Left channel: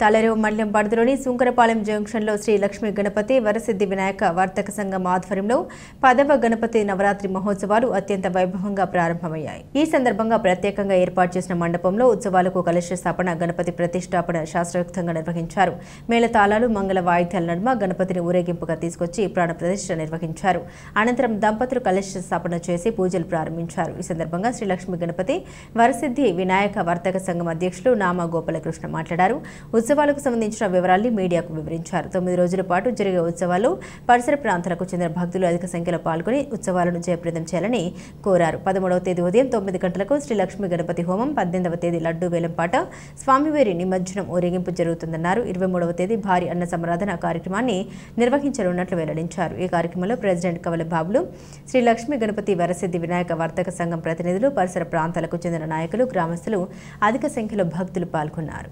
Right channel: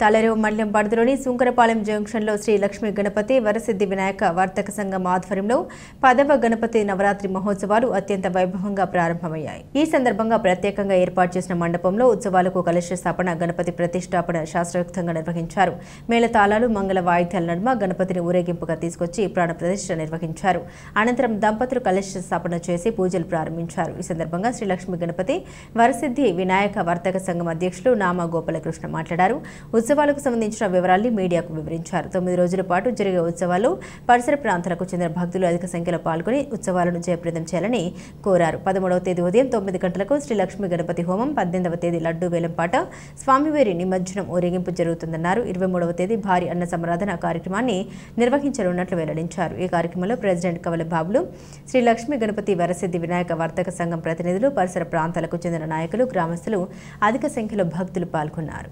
తాళరేవు మండలం పరిధిలోని సుంకరపాలెం జంక్షన్లో శ్రీ లక్ష్మీ గణపతి వరసిద్ధి వినాయక వర్తక సంఘం ఆధ్వర్యంలో 10వ గణపతి నవరాత్రి మహోత్సవాలు అత్యంత వైభవంగా ప్రారంభమయ్యాయి. ఈ సందర్భంగా ప్రత్యేకంగా ఏర్పాటు చేసిన మండపంలో ఉత్సవాలకు కలశ స్థాపన, గణపతి ప్రతిష్టాపన శాస్త్రోక్తంగా నిర్వహించారు. మేళతాళాలు, మంగళ వాయిద్యాల నడుమ గణపతిని ఊరేగింపుగా తీసుకొచ్చి ప్రాణ ప్రతిష్ఠ నిర్వహించారు. అనంతరం దంపతులు కలశ స్థాపన చేసి పూజలు ప్రారంభించారు. ఈ సందర్భంగా శ్రీ లక్ష్మీ గణపతి వరసిద్ధి వినాయక వర్తక సంఘం అధ్యక్షులు నామా గోపాలకృష్ణ మాట్లాడారు. ఉత్సవాలకు సంబంధించిన వివరాల్ని మీడియాకు వివరించారు. 9 రోజుల పాటు జరిగే ఉత్సవాలు పరిసర ప్రాంతాలకు చెందిన భక్తులు అధిక సంఖ్యలో పాల్గొని ఉత్సవాలను జయప్రదం చేయాలని కోరారు. 13వ తేదీ ఉదయం 9 గంటలకు శ్రీ లక్ష్మీ గణపతి హోమం, 18వ తేదీ లడ్డూ వేలంపాట, స్వామివారి నిమజ్జనం ఊరేగింపు జరుగుతుందన్నారు. 23వ తేదీ భారీ అన్న సంరాధన కార్యక్రమాన్ని నిర్వహించనున్నట్లు వెల్లడించారు. ఈ కార్యక్రమంలో ప్రెసిడెంట్ కవల బాబులు, శ్రీ లక్ష్మీ గణపతి వరసిద్ధి వినాయక వర్తక సంఘం ప్రతినిధులు, పరిసర ప్రాంతాలకు చెందిన నాయకులు, గ్రామస్తులు అధిక సంఖ్యలో భక్తులు పాల్గొన్నారు.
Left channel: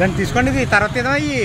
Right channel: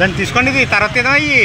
దాన్ని తీసుకోండి, తర్వాత ఏదో అయ్యి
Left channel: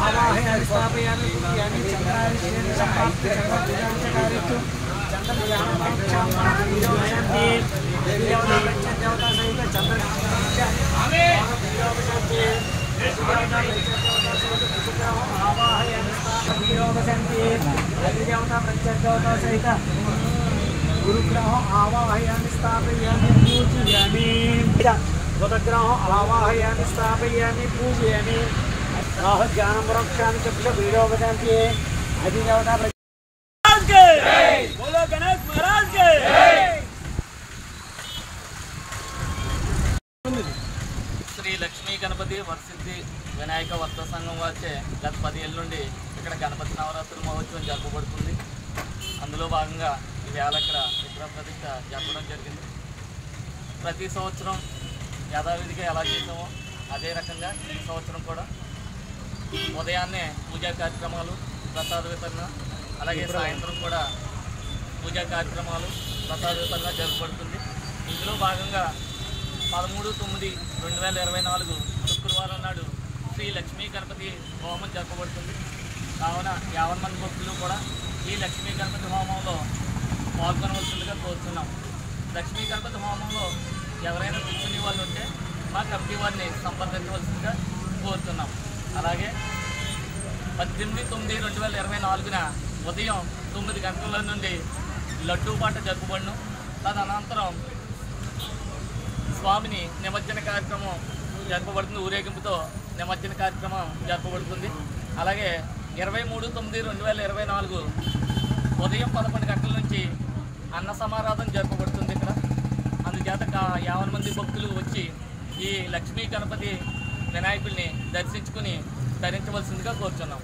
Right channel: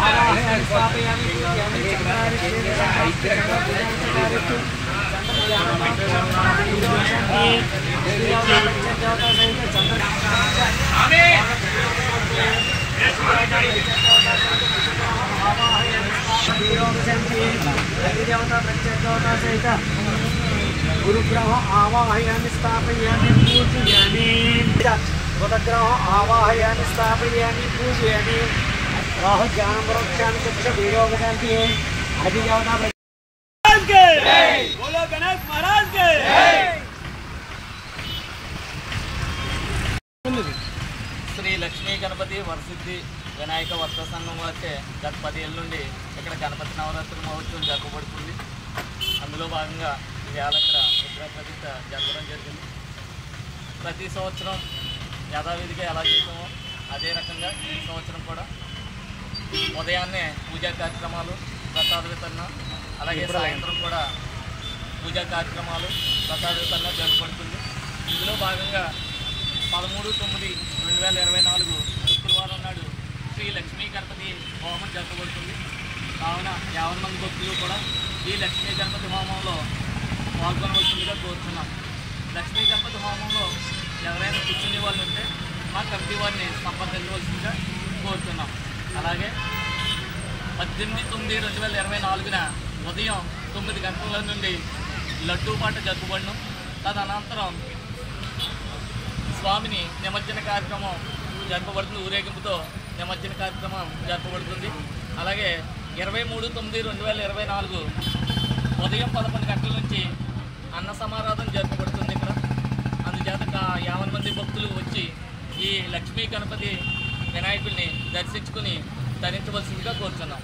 हवा है आवाहयामि स्थापयामि पूजयामि वदग्रहं आवाहयामि स्थापयामि पूजयामि राह ज्ञानं वृक्षामि चक्षुष वीरोगजन्ति अधिदेवता के बोलो गणेश महाराज के శ్రీ లక్ష్మీ గణపతి వరసిద్ధి వినాయక వర్త సంఘం వారిచే గత 10 ఏళ్ళ నుండి ఇక్కడ గణపతి నవరాత్రి మహోత్సవం జరపబడుతుంది. అందులో భాగంగా ఈవేళ ఇక్కడ విగ్రహ ప్రతిష్ఠ జరపడం జరిగింది. ప్రతి సంవత్సరం యథావిధిగా ఎలా చేసామో అదే రకంగా ఈ సంవత్సరం కూడా ఉదయాన్నే పూజా కార్యక్రమాలు, ప్రసాద వితరణ, అలాగే సాయంత్రం కూడా పూజా కార్యక్రమాలు, ప్రసాద వితరణ జరపబడుతుంది. ఇందులో భాగంగా 13/9/2024 శుక్రవారం నాడు శ్రీ లక్ష్మీ గణపతి హోమం జరపబడుతుంది. కావున 50 మంది భక్తులు కూడా ఈ లక్ష్మీ గణపతి హోమంలో పాల్గొనవలసిందిగా కోరుతున్నాం. లక్ష్మీ గణపతి హోమంలో ఎవరైనా కూర్చునే వాళ్ళు ఉంటే మా కమిటీ వారిని సంప్రదించవలసిందిగా కోరుతున్నాం. అలాగే 18/9/2024 ఉదయం 9 గంటల నుండి లడ్డూ పాట జరుపబడును. తదనంతరం స్వామిని నిమజ్జన కార్యక్రమం జరపబడుతుంది. ఊరేగింపుతో నిమజ్జన కార్యక్రమం జరపబడుతుంది. అలాగే 23/9/2024 ఉదయం 11 గంటల నుంచి అన్న సమారాధన జరపబడుతుంది. ఇక్కడ అందుచేత 50 మంది భక్తులు వచ్చి ఈ లక్ష్మీ గణపతి వినాయకుడిని దర్శించుకుని ధరించవలసిందిగా కోరుతున్నాం.